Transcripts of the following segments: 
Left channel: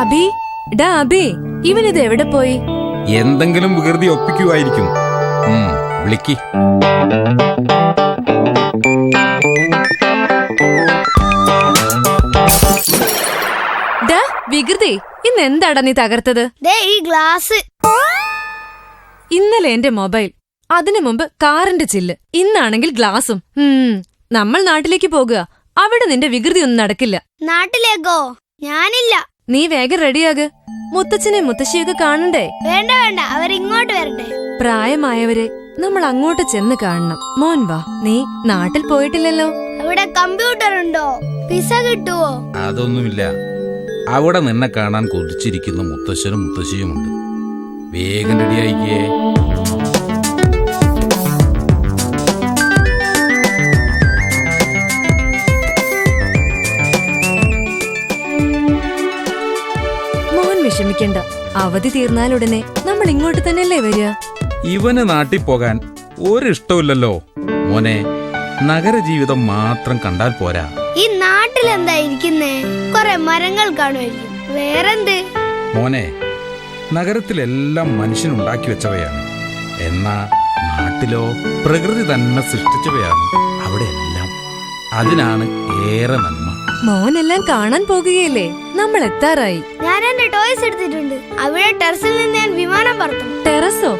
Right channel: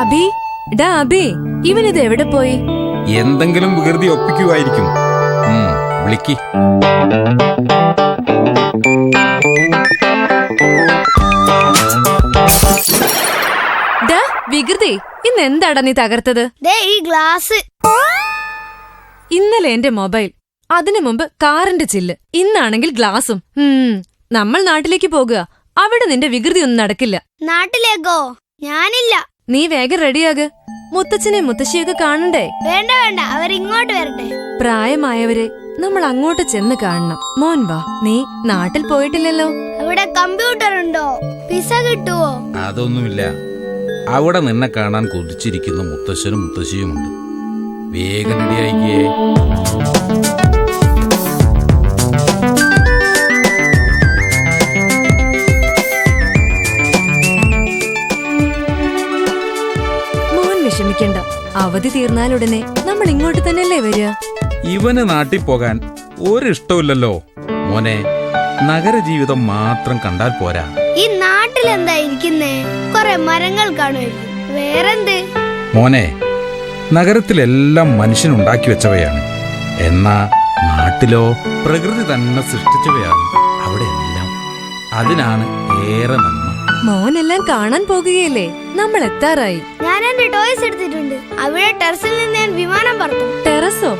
അബി, ഡാ അബി, ഇവനിത് എവിടെ പോയി? എന്തെങ്കിലും വികൃതി ഒപ്പിക്കുവായിരിക്കും. വിളിക്ക്. ഡാ വികൃതി, ഇന്ന് എന്താടാ നീ തകർത്തത്? ഈ ഗ്ലാസ്. ഇന്നലെ എന്റെ മൊബൈൽ, അതിനു മുമ്പ് കാറിന്റെ ചില്ല്, ഇന്നാണെങ്കിൽ ഗ്ലാസും. നമ്മൾ നാട്ടിലേക്ക് പോകുക. അവിടെ നിന്റെ വികൃതി ഒന്നും നടക്കില്ല. നാട്ടിലേക്കോ? ഞാനില്ല. നീ വേഗം റെഡിയാക്. മുത്തച്ഛനെ മുത്തശ്ശിയൊക്കെ കാണണ്ടേ? വേണ്ട വേണ്ട, അവരിങ്ങോട്ട് വരട്ടെ. പ്രായമായവരെ നമ്മൾ അങ്ങോട്ട് ചെന്ന് കാണണം. മോൻ വാ. നീ നാട്ടിൽ പോയിട്ടില്ലല്ലോ. അവിടെ കമ്പ്യൂട്ടർ ഉണ്ടോ? പിസ കിട്ടുവോ? അതൊന്നുമില്ല. അവിടെ നിന്നെ കാണാൻ കൊതിച്ചിരിക്കുന്ന മുത്തശ്ശനും മുത്തശ്ശിയുമുണ്ട്. വേഗം റെഡിയായിക്കേ. മോൻ വിഷമിക്കണ്ട. അവധി തീർന്നാലുടനെ നമ്മൾ ഇങ്ങോട്ട് തന്നെയല്ലേ വരിക. ഇവന് നാട്ടിൽ പോകാൻ ഒരിഷ്ടമില്ലല്ലോ മോനെ. നഗരജീവിതം മാത്രം കണ്ടാൽ പോരാ. ഈ നാട്ടിലെന്താ ഇരിക്കുന്നേ? കൊറേ മരങ്ങൾ കാണുമായിരിക്കും. വേറെന്ത്? മോനെ, നഗരത്തിലെല്ലാം മനുഷ്യനുണ്ടാക്കി വെച്ചവയാണ്. എന്നാ നാട്ടിലോ പ്രകൃതി തന്നെ സൃഷ്ടിച്ചവയാണ് അവിടെയെല്ലാം. അതിനാണ് ഏറെ നന്മ. മോനെല്ലാം കാണാൻ പോകുകയല്ലേ? നമ്മൾ എത്താറായി. ഞാൻ എന്റെ ടോയ്സ് എടുത്തിട്ടുണ്ട്. അവിടെ ടെറസിൽ നിന്ന് ഞാൻ വിമാനം പറത്തും. ടെറസോ?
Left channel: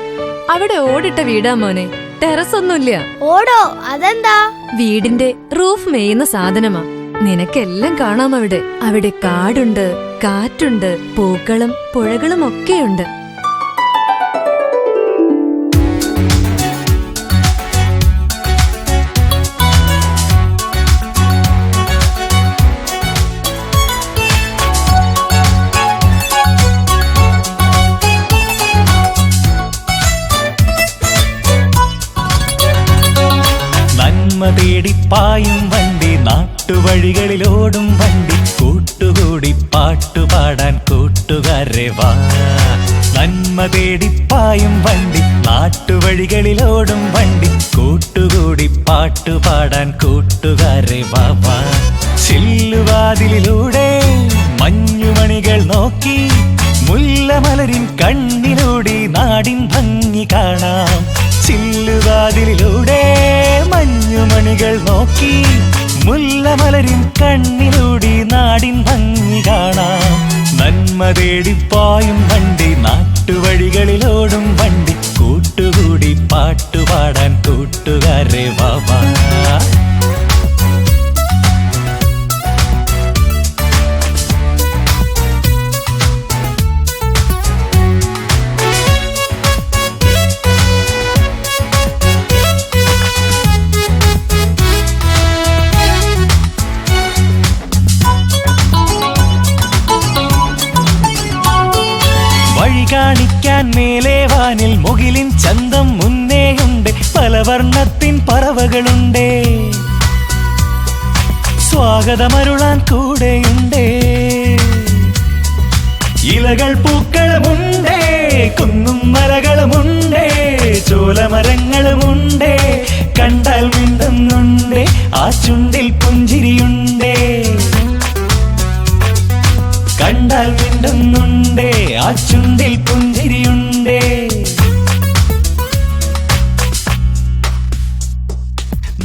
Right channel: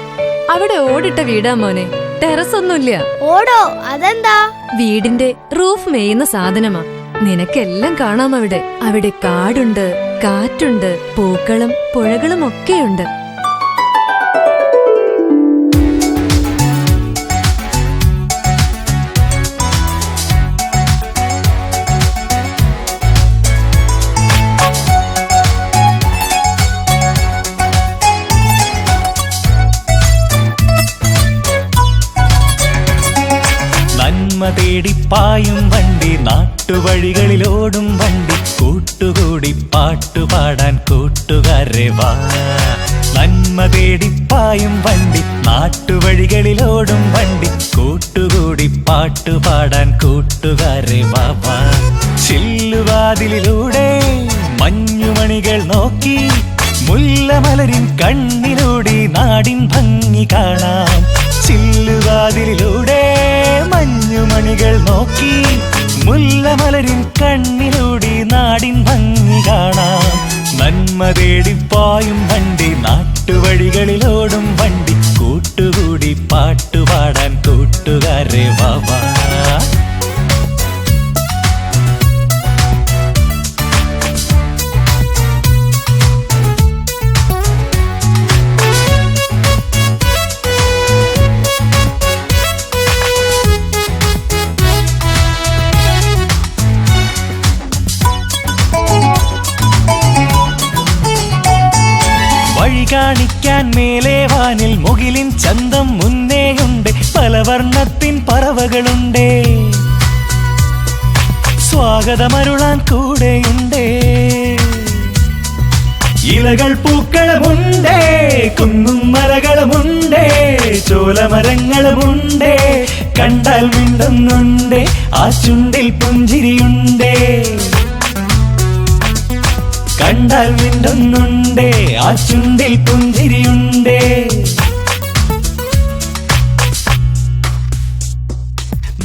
അവിടെ ഓടിട്ട വീടാ മോനെ. ടെറസ് ഒന്നുമില്ല. ഓടോ? അതെന്താ? വീടിന്റെ റൂഫ് മേയുന്ന സാധനമാ. നിനക്കെല്ലാം കാണാം അവിടെ. അവിടെ കാടുണ്ട്, കാറ്റുണ്ട്, പൂക്കളും പുഴകളും ഒക്കെയുണ്ട്. നന്മ തേടിപ്പായും വണ്ടി, നാട്ടുവഴികളിലോടും വണ്ടി, കൂട്ടുകൂടി പാട്ടുപാടാൻ കൂട്ടുകാരെ വാ. നന്മ തേടിപ്പായും വണ്ടി, നാട്ടുവഴികളിലോടും വണ്ടി, കൂട്ടുകൂടി പാട്ടുപാടാൻ കൂട്ടുകാരെ വാ വാ. ചില്ലുവാതിലിലൂടെ മഞ്ഞുമണികൾ നോക്കി, മുല്ലമലരിൻ കണ്ണിലൂടെ നാടിൻ ഭംഗി കാണാം. ചില്ലുവാതിലിലൂടെ മഞ്ഞുമണികൾ നോക്കി, മുല്ലമലരിൻ കണ്ണിലൂടെ നാടിൻ ഭംഗി കാണാം. നന്മ തേടിപ്പായും വണ്ടി, നാട്ടുവഴികളിലോടും വണ്ടി, കൂട്ടുകൂടി പാട്ടുപാടാൻ കൂട്ടുകാരെ വാ വാ. വഴി കാണിക്കാൻ മേലെ വാനിൽ മുകിലിൻ ചന്തം മുന്നേയുണ്ട്. പല വർണ്ണത്തിൻ പറവകളുണ്ട്. സ്വാഗതമരുളാൻ കൂടെയുണ്ട്. ഇലകൾ പൂക്കളുമുണ്ട്, കുന്നും മലകളുമുണ്ട്, ചോലമരങ്ങളുമുണ്ട്. കണ്ടാൽ മിണ്ടുന്നുണ്ട്, ആ ചുണ്ടിൽ പുഞ്ചിരിയുണ്ട്. കണ്ടാൽ മിണ്ടുന്നുണ്ട്, ആ ചുണ്ടിൽ പുഞ്ചിരിയുണ്ട്.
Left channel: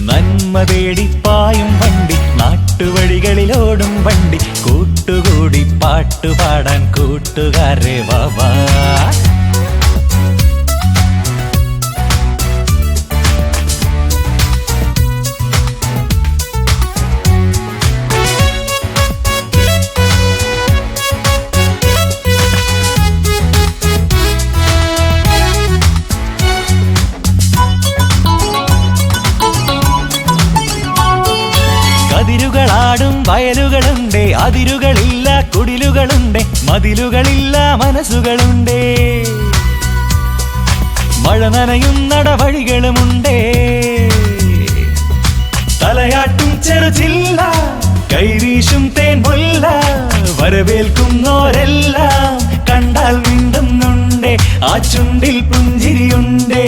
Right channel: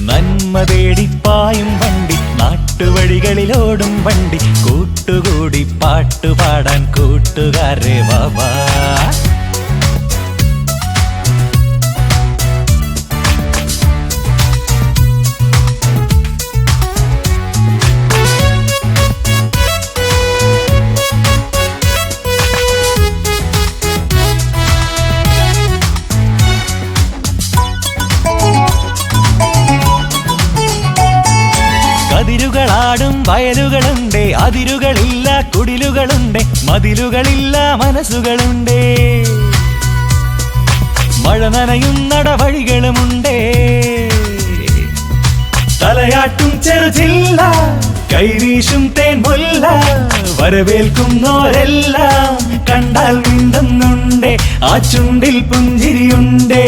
നന്മ തേടിപ്പായും വണ്ടി, നാട്ടുവഴികളിലോടും വണ്ടി, കൂട്ടുകൂടി പാട്ടുപാടാൻ കൂട്ടുകാരെ വാ വാ. അതിരുകളാടും വയലുകളുണ്ട്, അതിരുകളില്ല കുടിലുകളുണ്ട്, മതിലുകളില്ല മനസ്സുകളുണ്ട്. മഴ നനയും നടവഴികളുമുണ്ട്. തലയാട്ടും ചെറുചില്ല, കൈവീശും തേൻമുല്ല, വരവേൽക്കുന്നോരെല്ലാം കണ്ടാൽ മിണ്ടുന്നുണ്ട്, ആ ചുണ്ടിൽ പുഞ്ചിരിയുണ്ട്.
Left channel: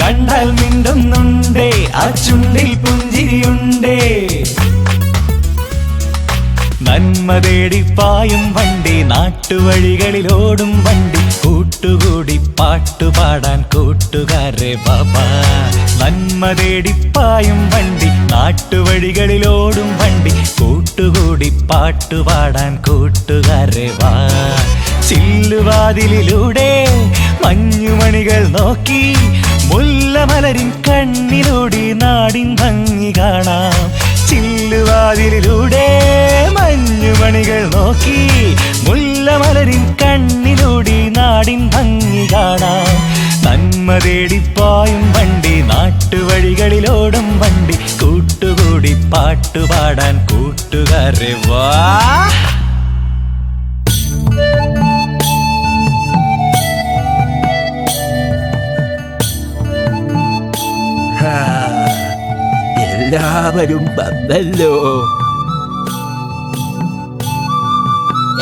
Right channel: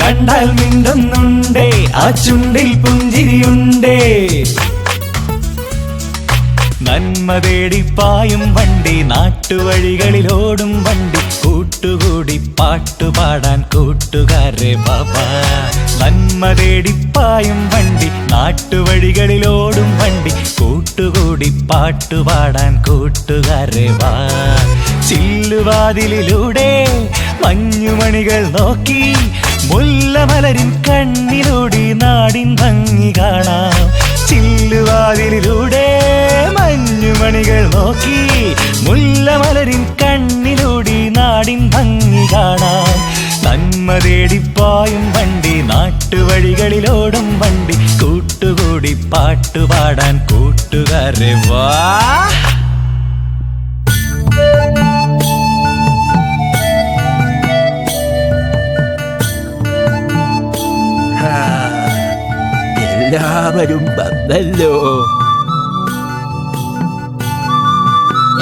കണ്ടാൽ മിണ്ടുന്നുണ്ട്, ആ ചുണ്ടിൽ പുഞ്ചിരിയുണ്ട്. നന്മ തേടിപ്പായും വണ്ടി, നാട്ടുവഴികളിലോടും വണ്ടി, കൂട്ടുകൂടി പാട്ടുപാടാൻ കൂട്ടുകാരെ ബാബാ. നന്മ തേടിപ്പായും വണ്ടി, നാട്ടുവഴികളിലോടും വണ്ടി, കൂട്ടുകൂടി പാട്ടുപാടാൻ കൂട്ടുകാരെ വാ. ചില്ലുവാതിലിലൂടെ മഞ്ഞുമണികൾ നോക്കി, മുല്ലമലരിൻ കണ്ണിലൂടി നാടിൻ ഭംഗി കാണാം. ചില്ലുവാതിലിലൂടെ മഞ്ഞുമണികൾ നോക്കി, മുല്ലമലരിൻ കണ്ണിലൂടി നാടിൻ ഭംഗി കാണാം. നന്മ തേടിപ്പായും വണ്ടി, നാട്ടുവഴികളിലോടും വണ്ടി, കൂട്ടുകൂടി പാട്ടുപാടാൻ കൂട്ടുകാരെ വാ. എല്ലാവരും വന്നല്ലോ.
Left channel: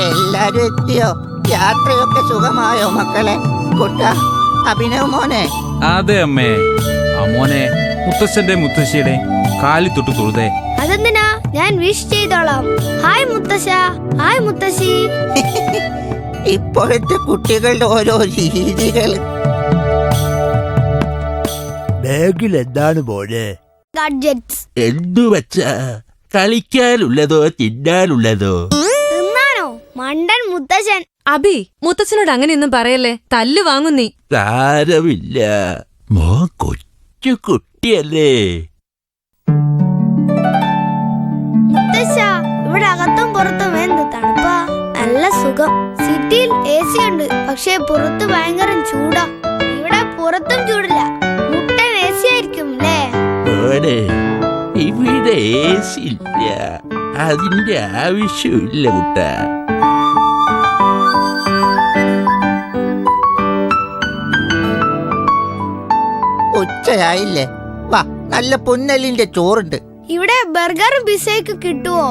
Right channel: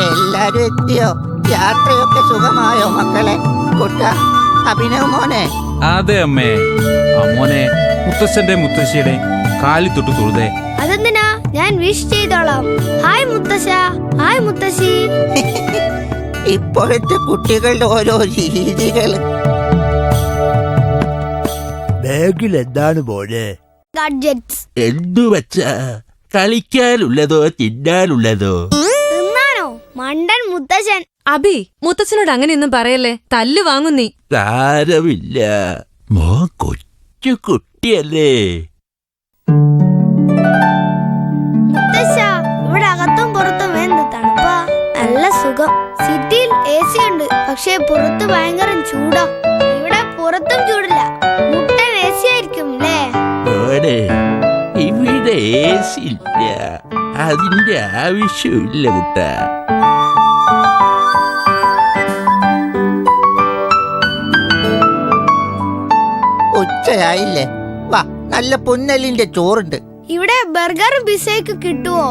എല്ലാരും എത്തിയോ? യാത്രയൊക്കെ സുഖമായോ മക്കളെ? കുട്ട, അഭിനവ് മോനെ. അതെ അമ്മേ. ആ മോനെ മുത്തശ്ശന്റെ മുത്തശ്ശിയുടെ കാലി തൊട്ട് തൊഴുതേ. അതെന്തിനാ? ഞാൻ വിഷ് ചെയ്തോളാം. ഹായ് മുത്തശ്ശ, ഹായ് മുത്തശ്ശി. ഇപ്പോഴത്തെ കുട്ടികളുടെ ഓരോ രീതികൾ. ബാഗിൽ എന്താണ് മോനെ? ഗാഡ്ജറ്റ്സ്. എന്തു വച്ചാ? കളിക്കാനുള്ളതോ തിന്നാനുള്ളതോ? തിന്നാനോ? മണ്ടൻ മുത്തശ്ശൻ. അബി, മുത്തച്ഛനോട് അങ്ങനെയൊന്നും പറയല്ലേ, തല്ലു വാങ്ങും നീ. സാരമില്ല, മോ കൊച്ചു കുട്ടിയല്ലേ. മുത്തശ്ശ, ഇവിടെ അകത്തും പുറത്തും എന്ത് തണുപ്പാ. നല്ല സുഖം. സിറ്റിയിൽ AC ഉണ്ട്, പക്ഷേ പുറത്ത് ഭയങ്കര ചൂടാ. ഇവിടെ പുറത്തും ചൂടില്ല. മുട്ടൻ AC ആയിരിക്കും അല്ലേ? മോനെ, ഇവിടെ AC ഇല്ല. അതിന്റെ ആവശ്യമില്ല കുട്ട. ഉച്ചയായില്ലേ? വാ, നല്ല പുന്നലിന്റെ ചോറുണ്ട്. ഇവിടെ ബർഗറും പിസയൊക്കെ കിട്ടുവോ?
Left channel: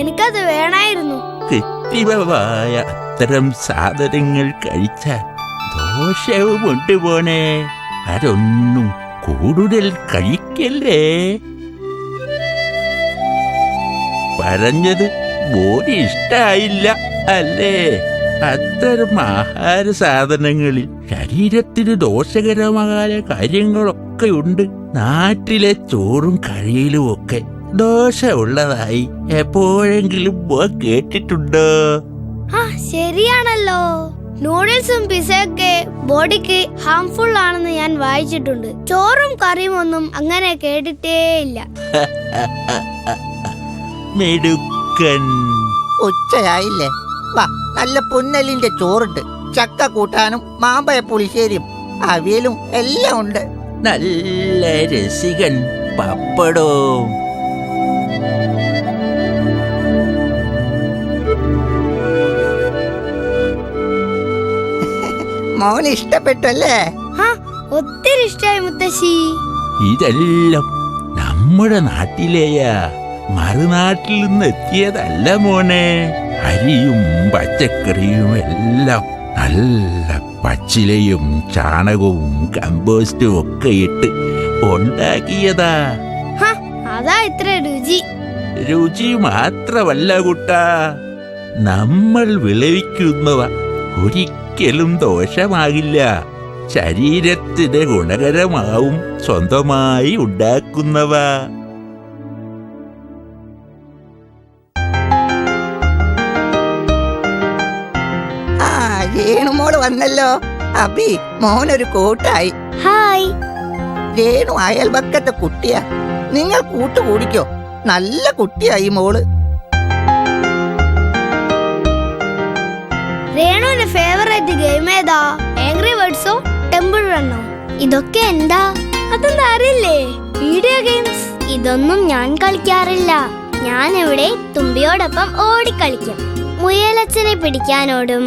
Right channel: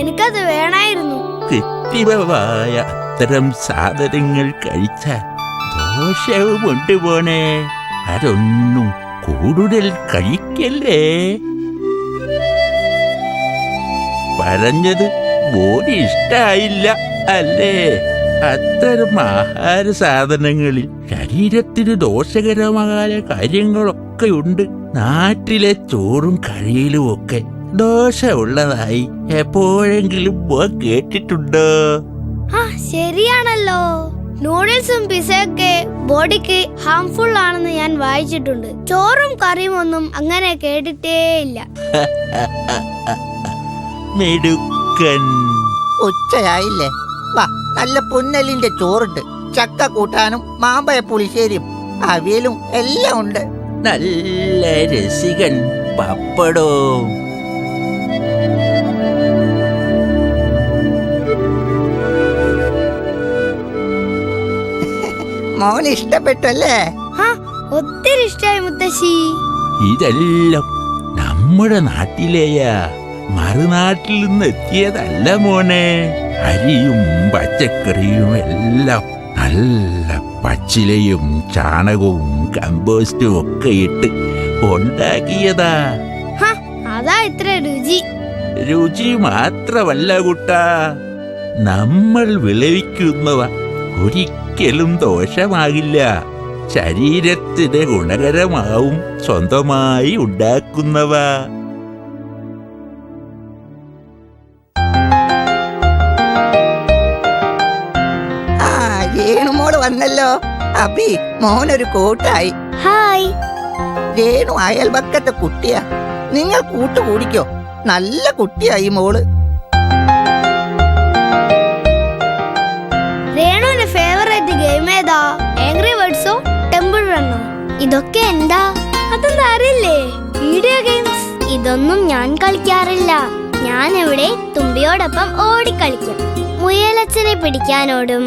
എനിക്കത് വേണമായിരുന്നു. കൃത്രിമമായ അത്തരം സാധനങ്ങൾ കഴിച്ചാൽ ദോഷവുമുണ്ട് പോനെ. അതൊന്നും കൂടുതൽ കഴിക്കല്ലേ. പറഞ്ഞത് മോന് ഇഷ്ടായില്ല അല്ലേ? അത്തരം ആഹാര സാധനങ്ങളിൽ ശരീരത്തിന് ദോഷകരമായ കാര്യങ്ങളൊക്കെയുണ്ട്. നാട്ടിലെ ചോറും കഴിയിലും ഒക്കെ ദോഷമുള്ളതായി എപ്പോഴെങ്കിലും മോൻ കേട്ടിട്ടുണ്ടോ? ആ, ശരിയാണല്ലോ. നൂഡിൽസും പിസയൊക്കെ ബോഡിക്ക് ഹാംഫുൾ ആണെന്ന് ഞാൻ വായിച്ചിട്ടുണ്ട്. ചോറും കറിയും ഒന്നും അങ്ങനെ കേട്ടിട്ടേയില്ല. മെടുക്കൻ. ഉച്ചയായില്ലേ? വാ, നല്ല പുന്നലിന്റെ ചോറുണ്ട്. ചക്ക കൂട്ടാനും മാമ്പഴ പുളിശ്ശേരിയും അവിയലും എല്ലാം ഉണ്ട്. നല്ല രസികൻ പപ്പടവും. മോന് ഇഷ്ടപ്പെട്ടല്ലേ? ഒത്തിരി ഇഷ്ടായി മുത്തശ്ശി. ഇതെല്ലാം നമ്മുടെ നാട്ടിലെയാ, മറുനാട്ടിൽ നിന്ന് എത്തിയതല്ല മോനെ. അരിയും പച്ചക്കറിയും എല്ലാം നല്ല പച്ചിലയും ചാണകവും കമ്പോസ്റ്റും ഒക്കെ ഇട്ട് ഉണ്ടാക്കിയതാ. അതാ ഇത്ര രുചി. രുചി മാത്രമല്ല കുട്ടാ, നമ്മൾ വിളവിക്കുന്നവ ഒരിക്കലും ദോഷമാകില്ല. ശരീരത്തിന് ഗുണകരമാവും സ്വന്തമായി ഉണ്ടാക്കുന്നവ. രേണുമോള് വന്നല്ലോ. അബി, മോനൊരു കൂട്ടായി. ഹായ്. രേണു അയൽപക്കത്തെ കുട്ടിയാ. നിങ്ങൾ കൂട്ടുകൂടിക്കോ. നല്ല കുട്ടിയായി മോള്. രേണുവിന്റെ ഫേവറേറ്റ് ഗെയിം ഏതാ? ആംഗ്രി ബേർഡ്സോ ടെമ്പിൾ റണ്ണോ? ഇതൊക്കെ എന്താ? അതെന്താ അറിയില്ലേ? Video games. ഇതൊന്നും ഞാൻ കളിക്കാറില്ല. ഞാൻ ഇവിടെ തുമ്പിയോടൊപ്പം ഓടിക്കളിക്കും. മുയലച്ചനെ പിടിക്കാനോടും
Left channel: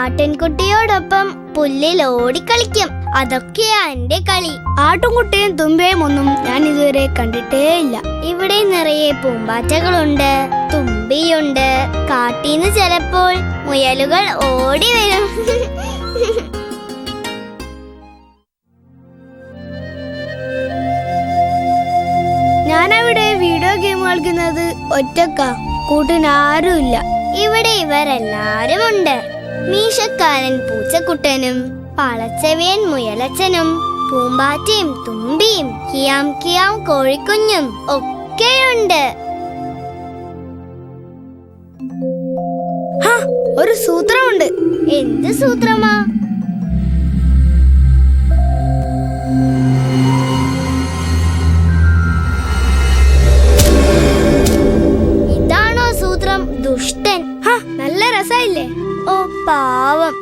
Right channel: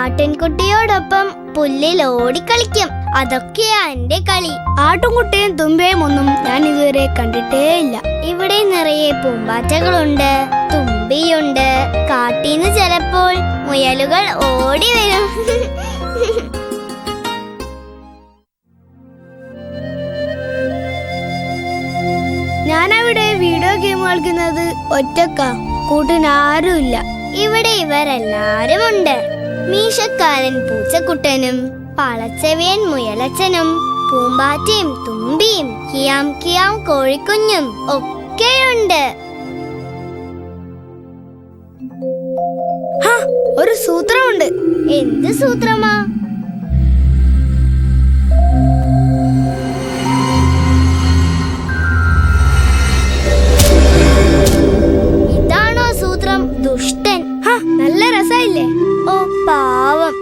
ആട്ടിൻകുട്ടിയോടൊപ്പം പുല്ലിൽ ഓടിക്കളിക്കും. അതൊക്കെയാ എന്റെ കളി. ആട്ടുംകുട്ടിയും തുമ്പിയും ഒന്നും ഞാൻ ഇതുവരെ കണ്ടിട്ടേ ഇല്ല. ഇവിടെ നിറയെ പൂമ്പാറ്റകളുണ്ട്, തുമ്പിയുണ്ട്. കാട്ടീന്ന് ചിലപ്പോൾ മുയലുകൾ ഓടി വരും. ഞാനവിടെ വീഡിയോ ഗെയിം കളിക്കുന്നത് ഒറ്റക്കാ. കൂട്ടിനാരുമില്ല. ഇവിടെ ഇവരെല്ലാരും ഉണ്ട്. മീശക്കാരൻ പൂച്ചക്കുട്ടനും പളച്ചെവിയൻ മുയലച്ചനും പൂമ്പാറ്റയും തുമ്പിയും കിയാം കിയാം കോഴിക്കുഞ്ഞും ഒക്കെയുണ്ട്. ഒരു സൂത്രമുണ്ട്. എന്ത് സൂത്രമാ? ഇതാണോ സൂത്രം? ദുഷ്ടൻ. നല്ല രസമില്ലേ? ഓ പാവം.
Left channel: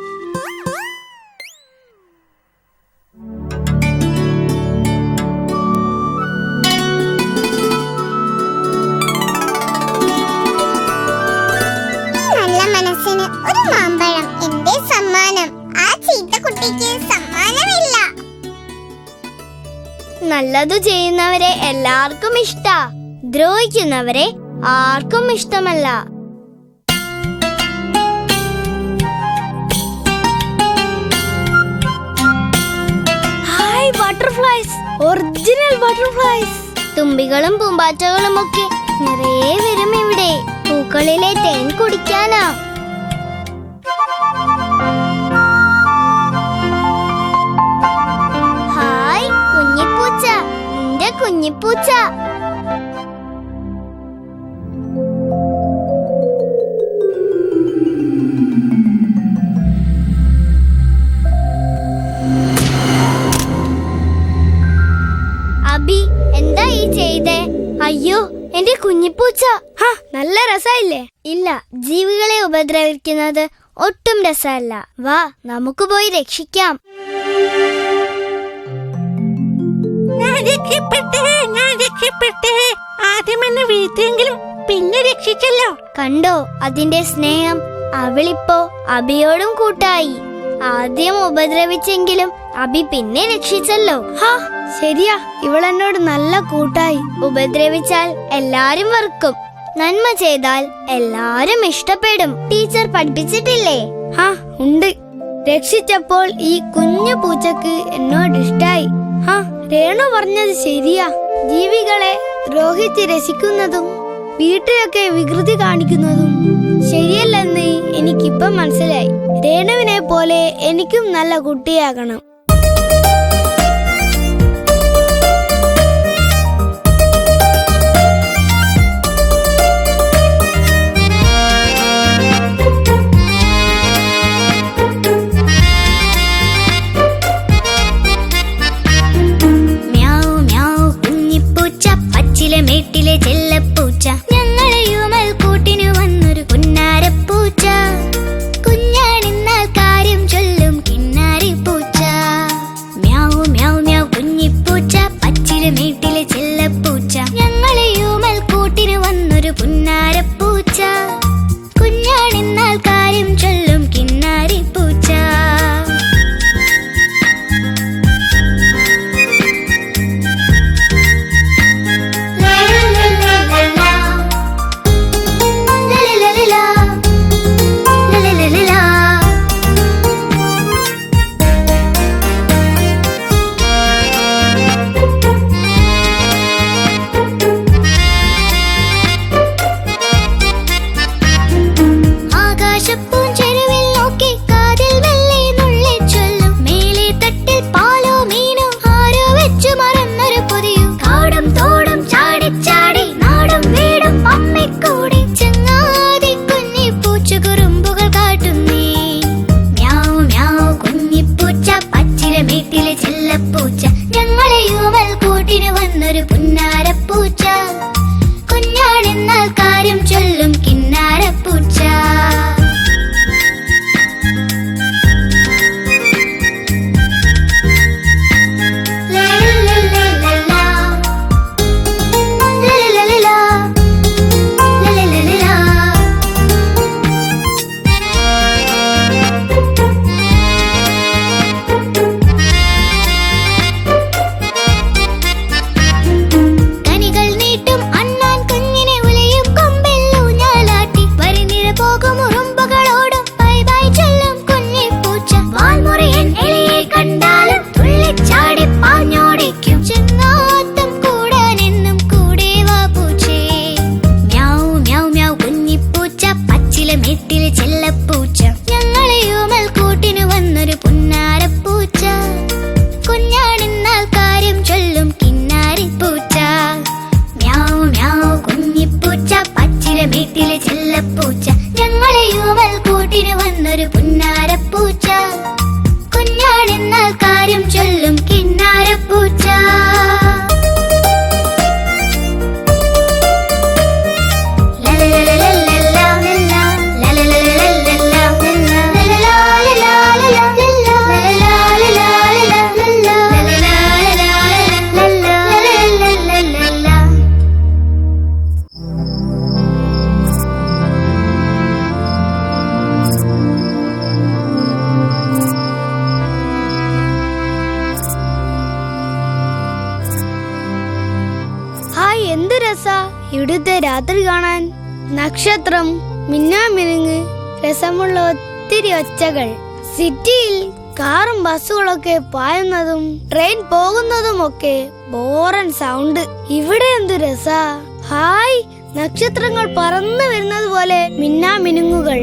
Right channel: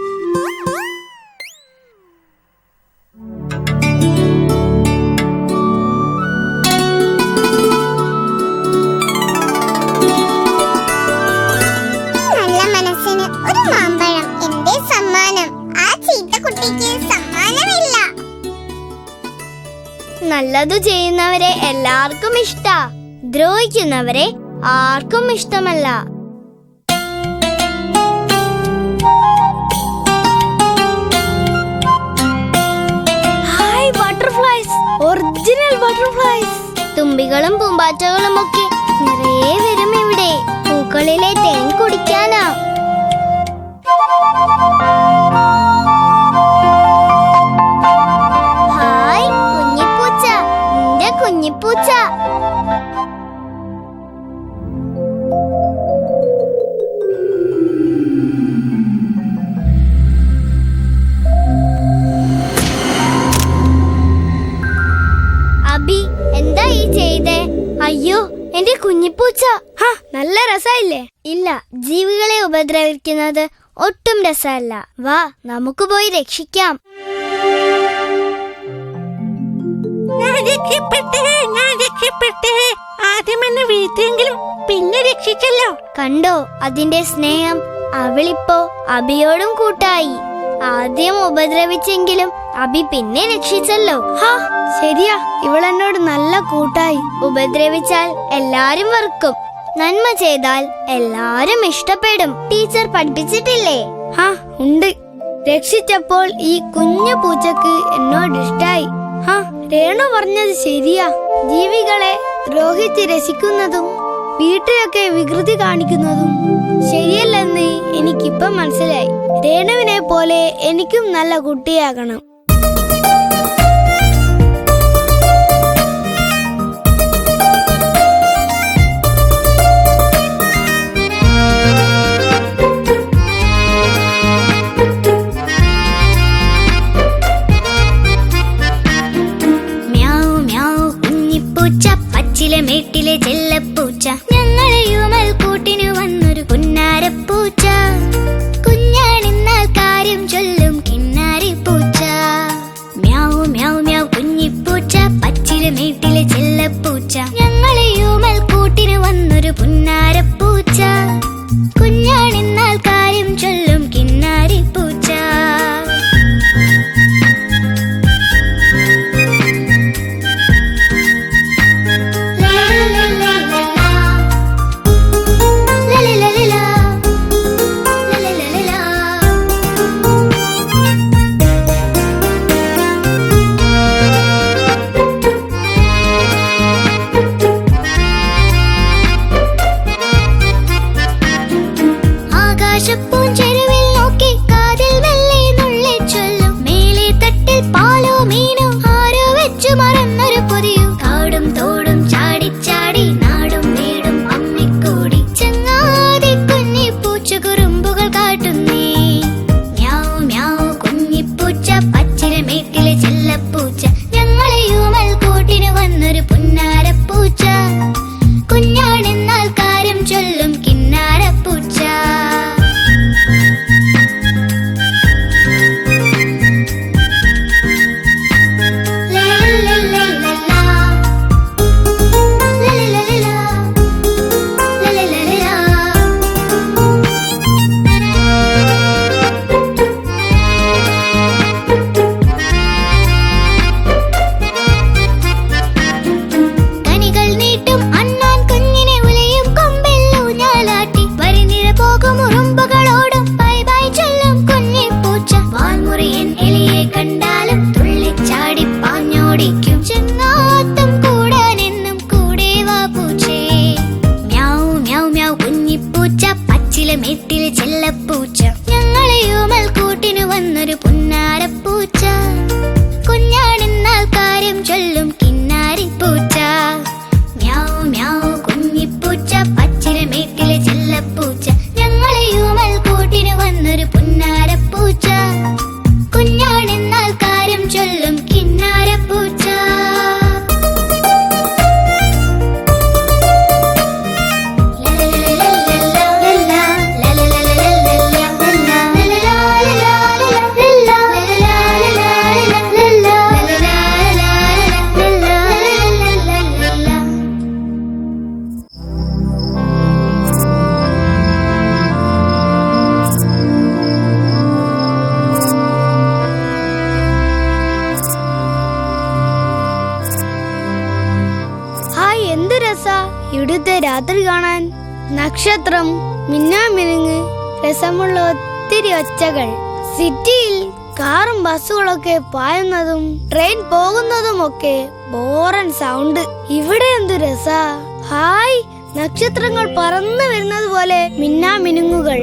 നല്ല മനസ്സിന് ഒരു മാമ്പഴം എന്റെ സമ്മാനം. ആ ചീത്ത കുട്ടിക്ക് സമ്മാനമില്ല. നല്ലതു ചെയ്യുന്നവരെ എല്ലാവർക്കും ഇഷ്ടാ, ദ്രോഹിക്കുന്നവരെ ആർക്കും ഇഷ്ടമല്ല. Hi butterflies, original butterflies. തുമ്പികളും പൂമ്പാറ്റകളും ഒക്കെ നിറയെ വരും ഇവിടെ. പൂക്കളിലെ തേൻ കുടിക്കാനാ. ഹായ് കുഞ്ഞിപ്പൂച്ച, നിന്റെ കുഞ്ഞിപ്പൂച്ച. അബി, എന്താ ഈ ചെയ്തേ? അയ്യോ, എന്റെ കുഞ്ഞിപ്പൂച്ച. നല്ല രസമില്ലേ? ഇല്ല, ജീവികളെ ഉപദ്രവിക്കുന്നത് ഒട്ടും രസമല്ല. വാ, നമുക്ക് പോയി രക്ഷിക്കാം. ആദ്യം എന്നെ വീഴ്ത്തിയെങ്കിലും പിന്നെ രക്ഷിച്ചല്ലോ. കണ്ടോ അതിന്റെ സ്നേഹം? അവളിപ്പോ അബിയോടും കൂട്ടായി. ആദ്യം ഉപദ്രവിച്ചെങ്കിലും അബി പിന്നെ രക്ഷിച്ചല്ലോ. ശരിയാ, ഇവളെന്നോട് നല്ല കൂട്ടായി. ഉപദ്രവിച്ചാൽ എല്ലാരും വെറുക്കും, നന്മ ചെയ്താൽ എല്ലാരും ഇഷ്ടപ്പെടും. ടീച്ചർ പഠിപ്പിച്ചിട്ടില്ലേ? ഉണ്ട്. രക്ഷിച്ചപ്പോൾ ഈ കുഞ്ഞു പൂച്ചക്ക് എന്നോട് ഇഷ്ടായി. രേണു പറഞ്ഞത് ശരിയാ. ജീവികളെ ദ്രോഹിച്ച് രസിക്കുന്നതും വീട്ടിലൊക്കെ വികൃതി കാണിക്കുന്നതും ശരിയല്ലെന്ന് എനിക്കിപ്പം മനസ്സിലായി. രേണുവിനെ പോലെ എനിക്കും നല്ല കുട്ടിയാകണം. മേട്ടിലെ ചെല്ലപ്പൂച്ച, ഞങ്ങളെയുമൽ കൂട്ടിനു വന്നൊരു പുന്നാരപ്പൂച്ച. കുഞ്ഞാണെന്നാൽ കാര്യം ചൊല്ലും കിന്നാരി പൂച്ച. Meow meow മ്യാവ് കുഞ്ഞിപ്പൂച്ച, പച്ചിലെ മേട്ടിലെ ചെല്ലപ്പൂച്ച. ഞങ്ങളെയുമൽ കൂട്ടിനു വന്നൊരു പുന്നാരപ്പൂച്ച. കുഞ്ഞാണെന്നാൽ കാര്യം ചൊല്ലും കിന്നാരി പൂച്ച. പൂഞ്ച ഹായ്, എന്ത് രസാ ഇവിടുത്തെ രാത്രി കാണാൻ. നക്ഷത്രം, മിന്നാമിനുങ്ങ്, രസമുള്ള ഒത്തിരി ഒച്ചകൾ. സിറ്റിയിൽ കാറും ബസ്സുകളൊക്കെ പായുന്നതും ട്രെയിൻ പോകുന്നതും ഒക്കെ ബോറൻ സൗണ്ട്. ഇവിടെ എന്തു രസാ. ഹായ്, നക്ഷത്രങ്ങൾ പറന്നു വരുന്നത് പോലെ മിന്നാമിനുങ്ങുകൾ.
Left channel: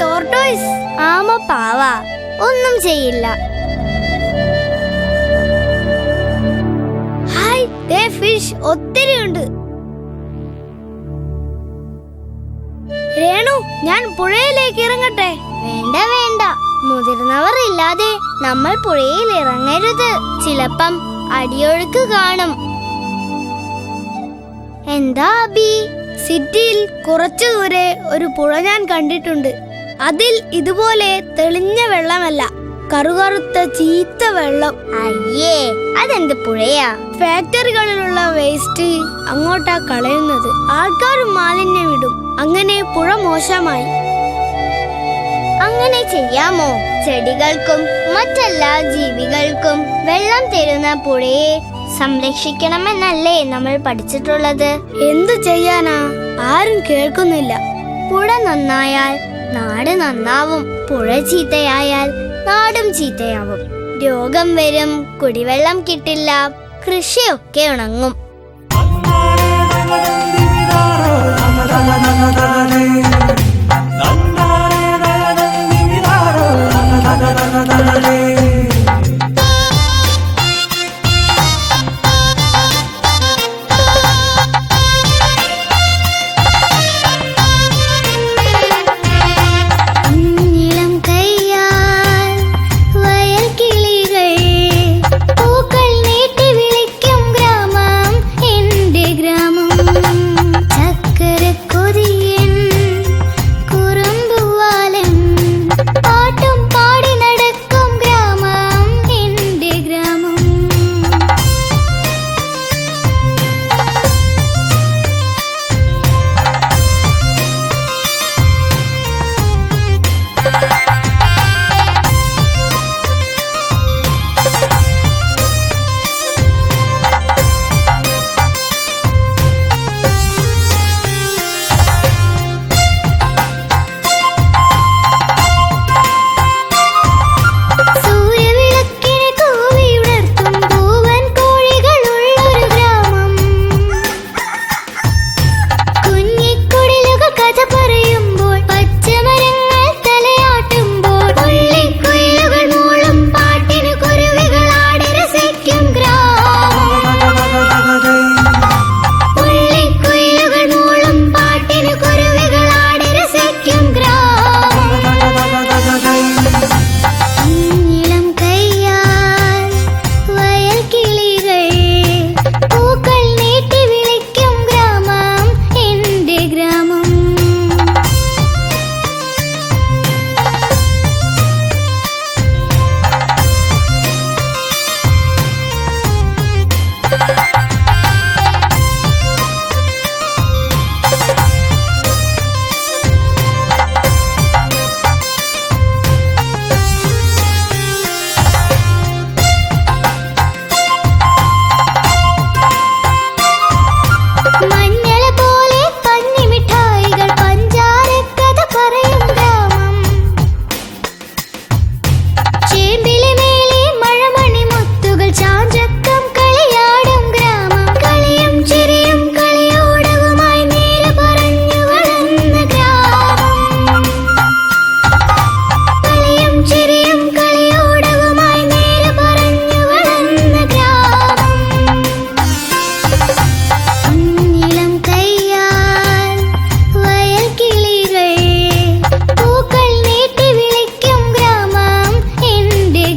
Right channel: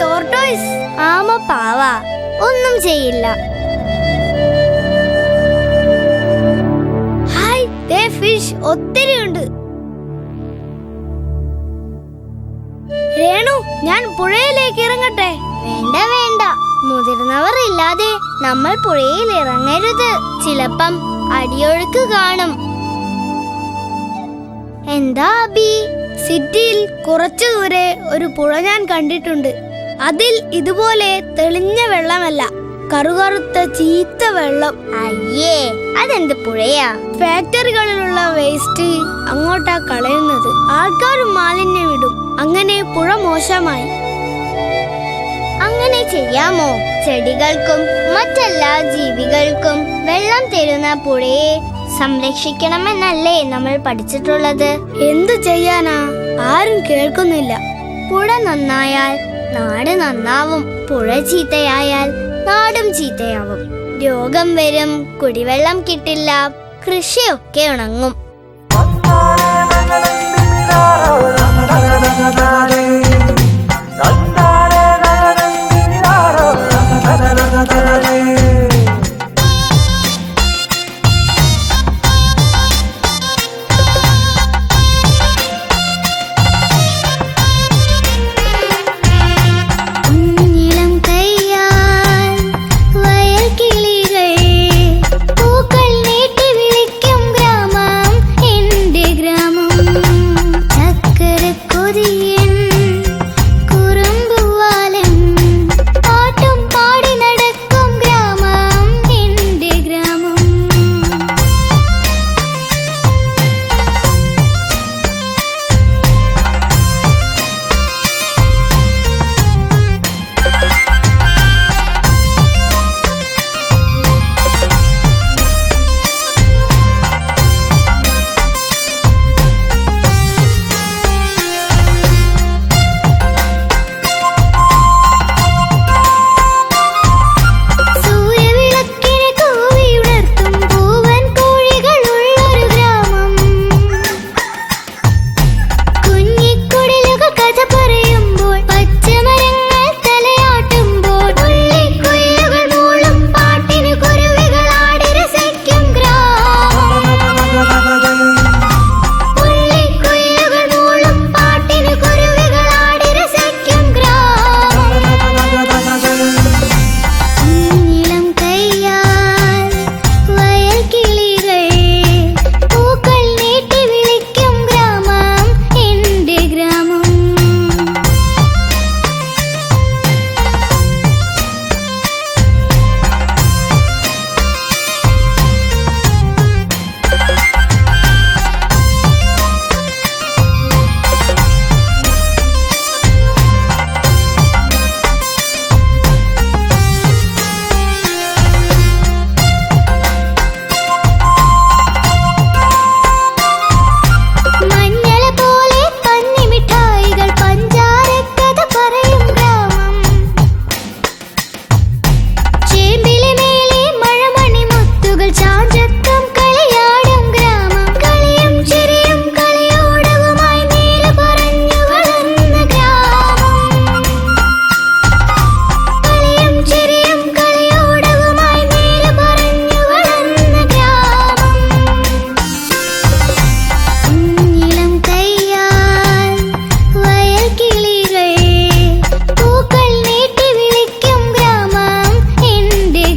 ടോർട്ടോയ്സ്. ആമ പാവ ഒന്നും ചെയ്യില്ല. ഹായ്, ദേ ഫിഷ് ഒത്തിരി ഉണ്ട്. രേണു, ഞാൻ പുഴയിലേക്ക് ഇറങ്ങട്ടെ? വേണ്ട വേണ്ട, മുതിർന്നവർ ഇല്ലാതെ നമ്മൾ പുഴയിൽ ഇറങ്ങരുത്. ചിലപ്പം അടിയൊഴുക്ക് കാണും. എന്താ അബി? സിറ്റിയിൽ കുറച്ചു ദൂരെ ഒരു പുഴ ഞാൻ കണ്ടിട്ടുണ്ട്. അതിൽ ഇതുപോലെ തെളിഞ്ഞ വെള്ളമല്ല, കറുകറുത്ത ചീത്ത വെള്ളം. അയ്യേ, അതെന്ത് പുഴയാ? ഫാക്ടറികളിലുള്ള വേസ്റ്റ് അങ്ങോട്ടാ കളയുന്നത്. ആൾക്കാരും മാലിന്യം ഇടും. അങ്ങനെ പുഴ മോശമായി. അങ്ങനെ ചെയ്യാമോ? ചെടികൾക്കും മറ്റെല്ലാ ജീവികൾക്കും വെള്ളം തരുന്ന പുഴയെ സംരക്ഷിക്കണമെന്നല്ലേ നമ്മൾ പഠിച്ചിട്ടുള്ളത്? എന്തു ചെയ്യാനാ, ആരും കേൾക്കുന്നില്ല. പുഴ നന്നായാൽ നാട് നന്നാവും. പുഴ ചീത്തയായാൽ നാടും ചീത്തയാവും. രോഗം വരും, കുടിവെള്ളം കിട്ടില്ല, കൃഷിയൊക്കെ ഉണങ്ങും.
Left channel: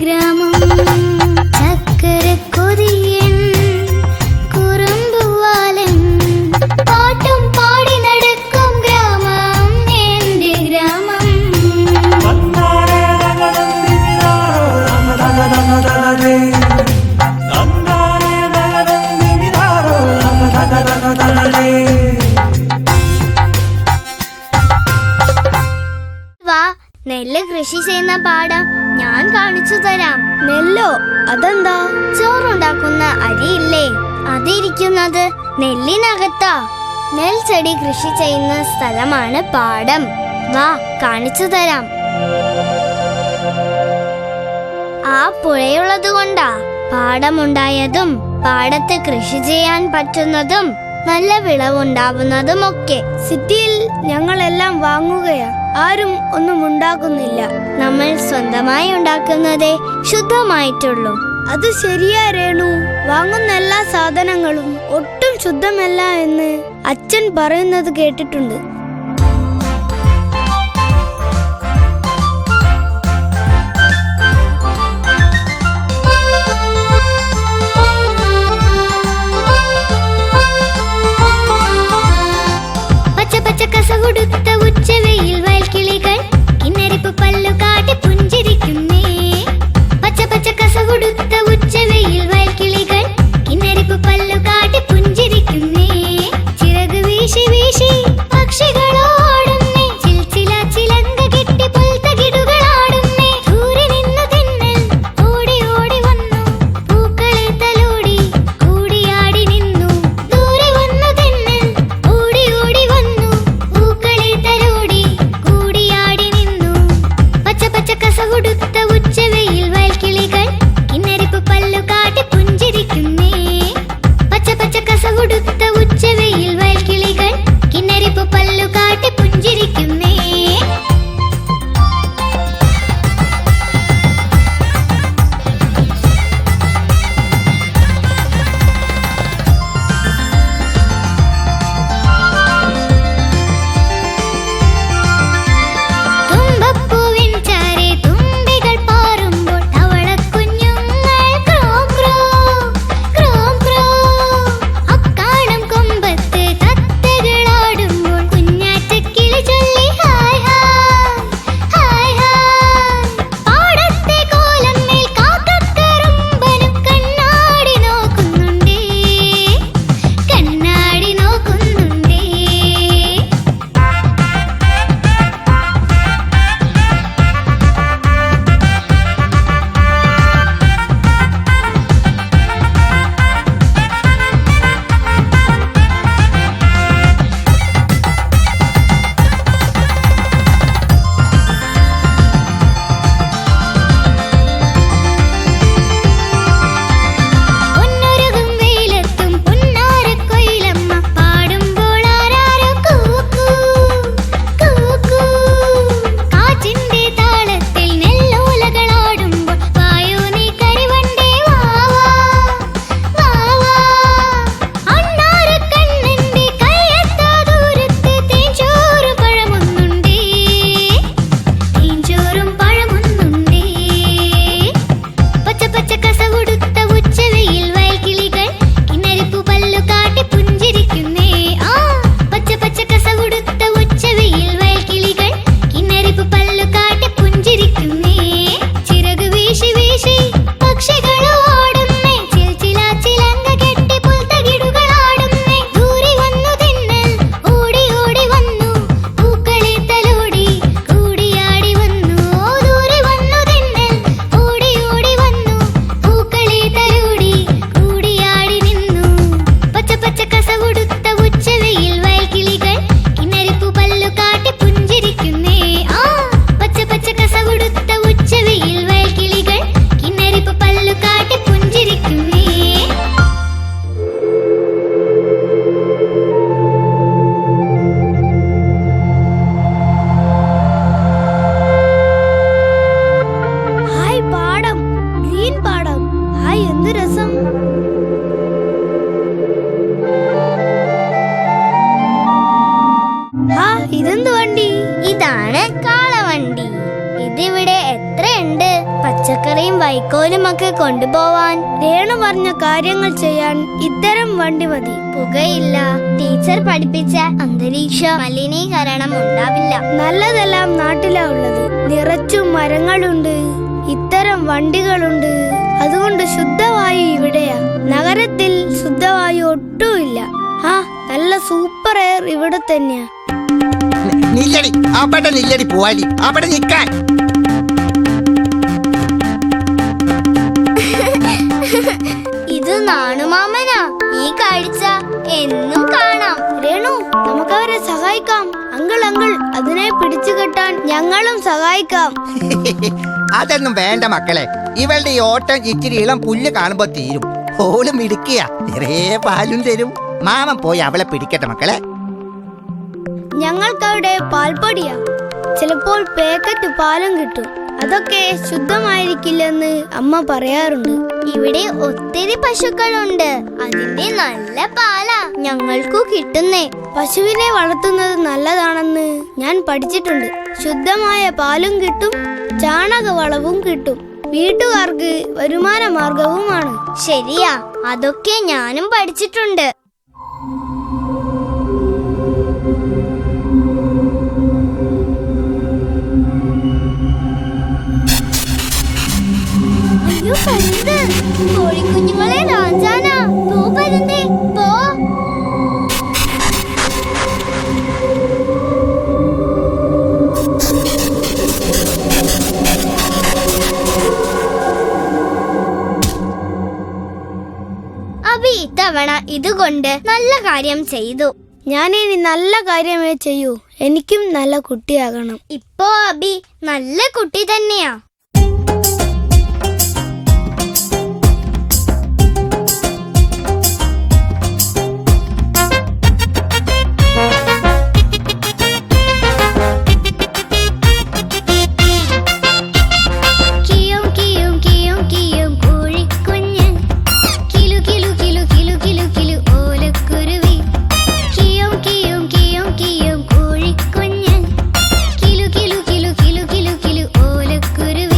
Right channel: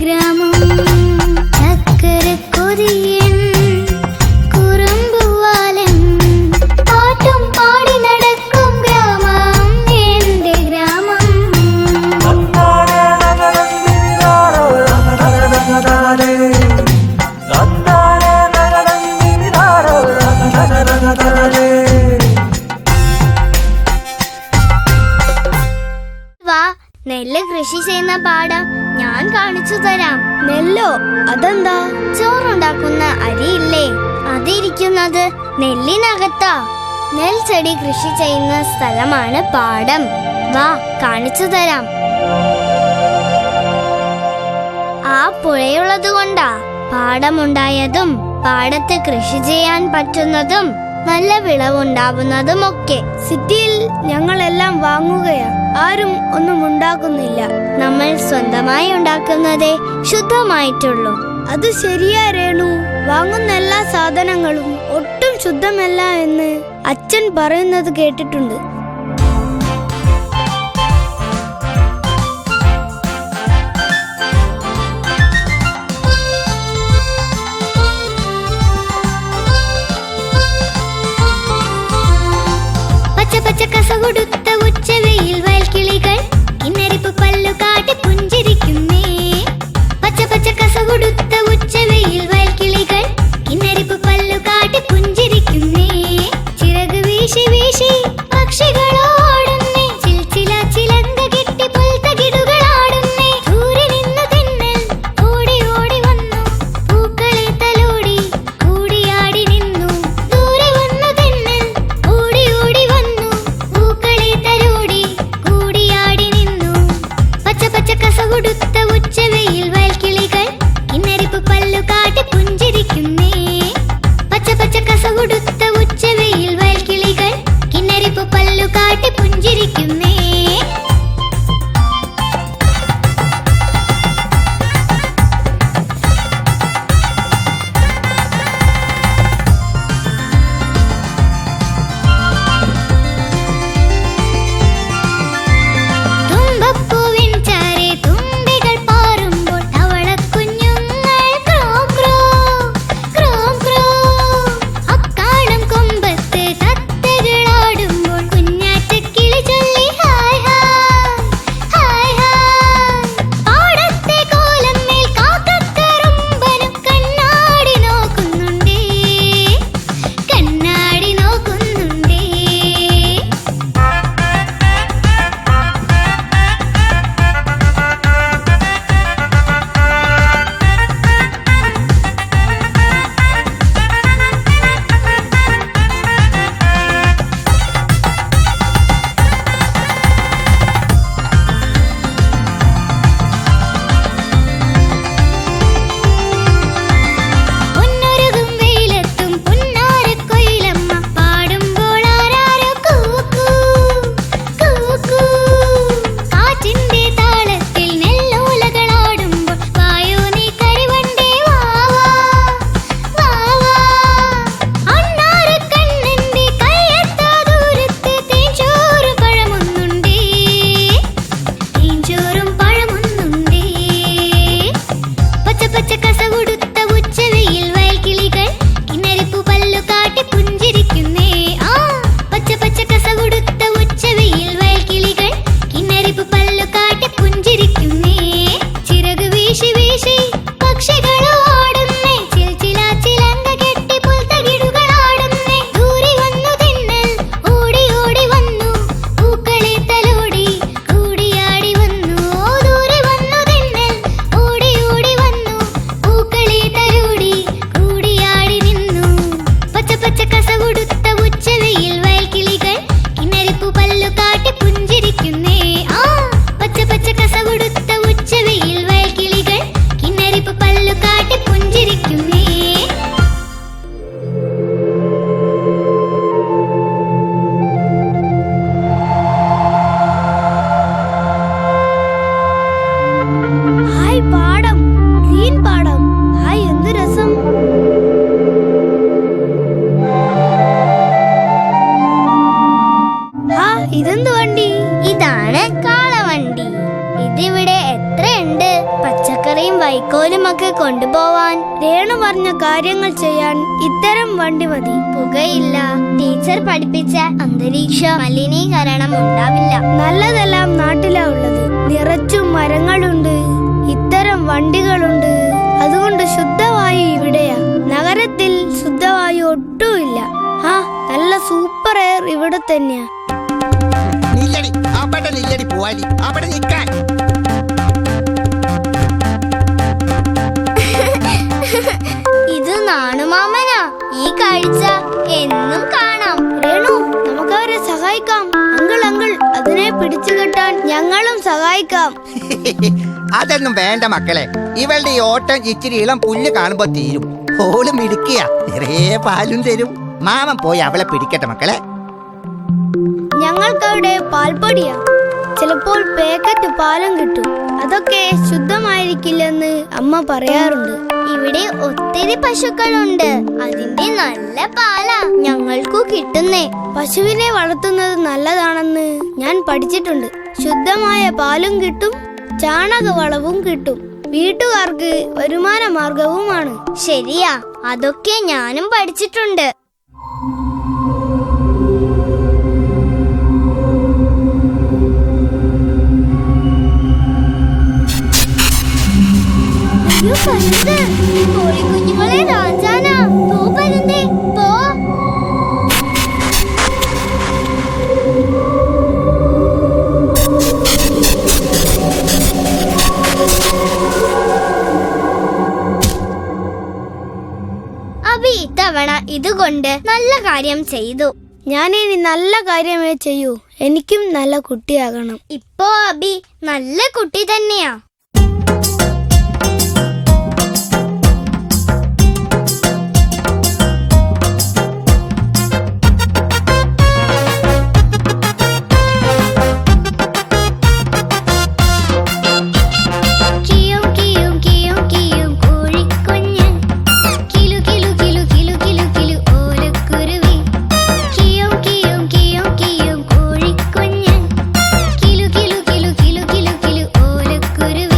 ഗ്രാമം നെല്ല് കൃഷി ചെയ്യുന്ന പാടം ഞാൻ കാണിച്ചു തരാം. നെല്ലോ? അതെന്താ? ചോറുണ്ടാക്കുന്ന അരിയില്ലേ, അതിരിക്കുന്നത് നെല്ലിനകത്താ. നെൽച്ചെടി കൃഷി ചെയ്യുന്ന സ്ഥലമാണ് പാടം. വാ, കാണിച്ചു തരാം. ആ പുഴയുള്ളത് കൊണ്ടാ പാടമുണ്ടായതും പാടത്ത് കൃഷി ചെയ്യാൻ പറ്റുന്നതും നല്ല വിളവുണ്ടാവുന്നതുമൊക്കെ. സിറ്റിയിൽ ഞങ്ങളെല്ലാം വാങ്ങുകയാ, ആരും ഒന്നും ഉണ്ടാക്കുന്നില്ല. നമ്മൾ സ്വന്തമായി ഉണ്ടാക്കുന്നതേ ശുദ്ധമായിട്ടുള്ളൂ. അത് ശരിയാ രേണു. വാങ്ങുന്ന എല്ലാ സാധനങ്ങളും ഒട്ടും ശുദ്ധമല്ല എന്ന് അച്ഛൻ പറയുന്നത് കേട്ടിട്ടുണ്ട്. കസകൊടുത്ത ഉച്ചവെയിൽ വയൽക്കിളികൾ കിന്നരിപ്പ് പല്ലു കാട്ടി പുഞ്ചിരിക്കുന്നേ. പച്ച പച്ച കസകൊടുത്ത ഉച്ചവെയിൽ വയൽക്കിളികൾ കിന്നരിപ്പ് പല്ലു കാട്ടി പുഞ്ചിരിക്കുന്നേ. ചിറക് വീശി വീശി പക്ഷികളോടുന്നേ, ചിൽച്ചില ചിലങ്ക കെട്ടി പുൽത്തകിടുകളാടുന്നേ. ദൂരെ നിന്നു തെന്നൽ ഓടി ഓടി വന്നു, പൂക്കളെ തലോടി കൂടിയാടി നിന്നു. ദൂരെ വന്നു തെന്നൽ ഓടി ഓടി വന്നു, പൂക്കളെ തലോടി കൂടിയാടി നിന്നു. പച്ച പച്ച കസകൊടുത്ത ഉച്ചവെയിൽ വയൽക്കിളികൾ കിന്നരിപ്പ് പല്ലു കാട്ടി പുഞ്ചിരിക്കുന്നേ. പച്ച പച്ച കസകൊടുത്ത ഉച്ചവെയിൽ വയൽക്കിളികൾ കിന്നരിപ്പ് പല്ലു കാട്ടി പുഞ്ചിരിക്കുന്നേ. തുമ്പപ്പൂവിൻ ചാരെ തുമ്പികൾ പാറുമ്പോൾ തവളക്കുഞ്ഞുങ്ങൾ ക്രോം ക്രോം ക്രോം ക്രോം. അക്കാണും കൊമ്പത്ത് തത്തകളാടുമ്പോൾ കുഞ്ഞാറ്റക്കിളി ചൊല്ലി ഹായ് ഹായ് ഹായ് ഹായ്. പാടത്തെ കോലമ്മേൽ കാക്കക്കറുമ്പനും കണ്ണാടി നോക്കുന്നുണ്ടേ, കണ്ണാടി നോക്കുന്നുണ്ടേ. പൊന്നൊരുകും വെയിലത്തും പുന്നാരക്കൊയിലമ്മ പാടുമ്പോൾ ആരാരോ കൂക്കൂ കൂക്കൂ. കാറ്റിന്റെ താളത്തിൽ നെല്ലോലകളാടുമ്പോൾ വായോ നീ കരിവണ്ടേ വാവാ വാവാ. അണ്ണാരക്കണ്ണന്റെ കയ്യെത്താ ദൂരത്ത് തേൻചോറ് പഴമൊന്നുണ്ടേ, തേൻചോറും പഴമൊന്നുണ്ടേ. പച്ച പച്ച കസകൊടുത്ത ഉച്ചവെയിൽ വയൽക്കിളികൾ കിന്നരിപ്പു പല്ലു കാട്ടി പുഞ്ചിരിക്കുന്നേ. ആ പച്ച പച്ച കസകൊടുത്ത ഉച്ചവെയിൽ വയൽക്കിളികൾ കിന്നരിപ്പു പല്ലു കാട്ടി പുഞ്ചിരിക്കുന്നേ. ചിറക് വീശി വീശി പക്ഷികളോടുന്നേ, ചിൽച്ചില ചിലങ്ക കെട്ടി പുൽത്തകിടുകളാടുന്നേ. ദൂരെ വന്നു തെന്നൽ ഓടി ഓടി വന്നു, പൂക്കളെ തലോടി കൂടിയാടി വന്നു. ദൂരെ വന്നു തെന്നൽ ഓടി ഓടി വന്നു, പൂക്കളെ തലോടി കൂടിയാടി നിന്നു. പച്ച പച്ച കസകൊടുത്ത ഉച്ചവെയിൽ വയൽക്കിളികൾ കിന്നരിപ്പു പല്ലു കാട്ടി പുഞ്ചിരിക്കുന്നേ. ആ പച്ച പച്ച കസകൊടുത്ത ഉച്ചവെയിൽ വയൽക്കിളികൾ കിന്നരിപ്പു പല്ലു കാട്ടി പുഞ്ചിരിക്കുന്നേ. ഹായ് പാടം, ഗ്രീൻ പാടം. ഹായ്, എന്ത് രസം. ആ ഇതെന്ത് വണ്ടി? ഇതാണ് കാളവണ്ടി. ഇതിവിടെ എത്രയുണ്ട്? പച്ചക്കറിയും വൈക്കോലും ഒക്കെ കൊണ്ടുപോവാൻ. രേണു പറഞ്ഞ കാര്യങ്ങൾ ചെയ്യാൻ ഇത്തരം വണ്ടി മതി. പുകയില്ല, ടീച്ചർ പഠിപ്പിച്ച അന്തരീക്ഷ മലിനീകരണം ഉണ്ടാവില്ല. നല്ലതെല്ലാം നാട്ടിലാ ഉള്ളത്. നിറച്ചും മരങ്ങളുണ്ട്, ഇത്തരം വണ്ടികളുണ്ട്. അതുകൊണ്ട് ശുദ്ധവായു ഇവിടെയാ. നഗരത്തിൽ ശുദ്ധവായു ഒട്ടുമില്ല. ആ നല്ല സൂപ്പർ എയർ ഇവിടെ തന്നെയാ. അവിടെ നില്ലടി പോവാലി, അവിടെ നിൽക്കാൻ. നാണുമാമനാ. ഈ കാഴ്ച എന്നും കാണാം. രേണു, നമുക്ക് അവരെ സഹായിക്കാം. അങ്കിൾ അതിനെ പിടിച്ചു കെട്ടാൻ ഞങ്ങളും സഹായിക്കാം. അതൊന്നും വേണ്ട മക്കളെ. ഇവളുടെ ഈ ഓട്ടം ഇച്ചിരി ഇളം പുല്ല് കാണുമ്പോ തീരും. ഓളും ഇടുക്കിയ നിറയെ പാലും തരും. മാമൻ പോയി അവളെ പിടിക്കട്ടെ മക്കളെ. ഞങ്ങൾക്കവിടെ പാൽപ്പൊടിയാ. ചിലപ്പോൾ പാക്കറ്റ് പാലും കിട്ടും. അതൊക്കെ ശുദ്ധമായിരിക്കില്ലെന്ന് അമ്മ പറയാറുണ്ട്. ഇവിടെ ഒത്തിരി പശുക്കളുണ്ട്. അതിന്റെ നല്ല പാലാ ഞങ്ങൾക്കു കിട്ടുന്നേ. പശുവിനെ വളർത്തുന്നത് നല്ലതാണെന്ന് ഞാൻ പഠിച്ചിട്ടുണ്ട്. ശുദ്ധമായ പാലും കിട്ടും, ചാണകവളവും കിട്ടും. വീട്ടുകാർക്ക് വരുമാന മാർഗവുമാണ്. ശരിയാ, അതൊക്കെ ഞാനും പഠിച്ചിട്ടുണ്ട്. അയ്യോ പരുന്ത്, കോഴിക്കുഞ്ഞുങ്ങളെ രാജാനാ. പോ പരുന്തേ പോ. അബി ഇത്തവണ ഇതുകൊണ്ട് നല്ല കാര്യം ചെയ്തു. ഞാനിനി നല്ല കാര്യമേ ചെയ്യൂ. എനിക്കും നല്ല കുട്ടിയാകണം. ഇപ്പോ അബി നല്ല കുട്ടി തന്നെയാ. കുരുവി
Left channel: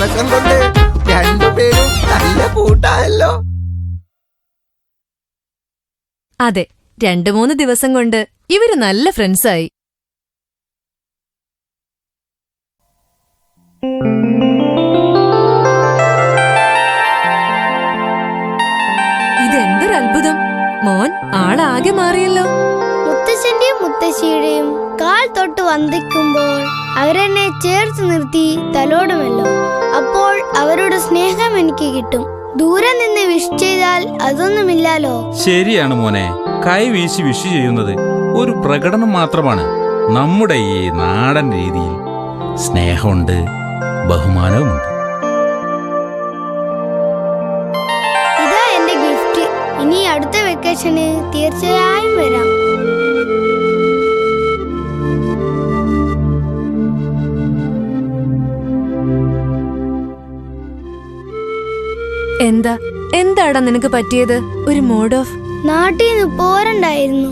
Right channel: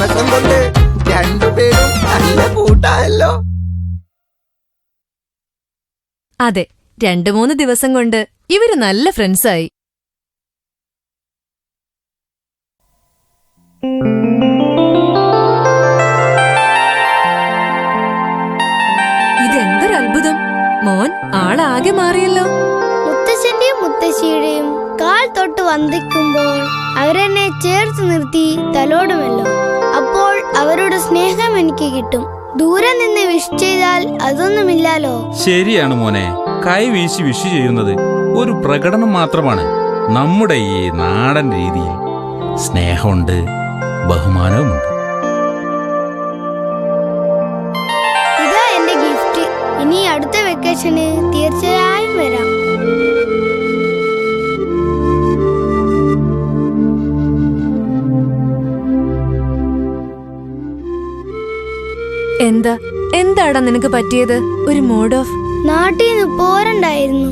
ദിവസം കൊണ്ട് രണ്ടുപേരും നല്ല കൂട്ടായല്ലോ. അതെ, 2-3 ദിവസം കൊണ്ട് ഇവര് നല്ല ഫ്രണ്ട്സായി. ഇതെന്തൊരു അത്ഭുതം! മോൻ ആളാകെ മാറിയല്ലോ. മുത്തശ്ശന്റെയും മുത്തശ്ശിയുടെയും കാൽ തൊട്ട് വന്ദിക്കുമ്പോൾ അവരെന്നെ ചേർത്ത് നിർത്തി തലോടുമല്ലോ. അപ്പോൾ അവരുടെ സ്നേഹം എനിക്ക് കിട്ടും. ദൂരെ നിന്ന് വിഷ് ചെയ്താൽ അതൊന്നുമില്ലാലോ. ശരിയാണ് മോനെ, കൈ വീശി വിഷ് ചെയ്യുന്നത് ഒരു പ്രകടനം മാത്രമാണ്. നമ്മുടെ ഈ നാടൻ രീതിയിൽ സ്നേഹമുണ്ട്, ബഹുമാനവുമുണ്ട്. ഇതാ എന്റെ ഗിഫ്റ്റ്. ഇനി അടുത്ത വെക്കേഷന് തീർച്ചയായും വരാം. എന്താടാ നിനക്ക് പറ്റിയത്? ഒരു മൂഡ് ഓഫ്. നാട്ടിൽ നിന്ന് പോരണ്ടായിരുന്നു.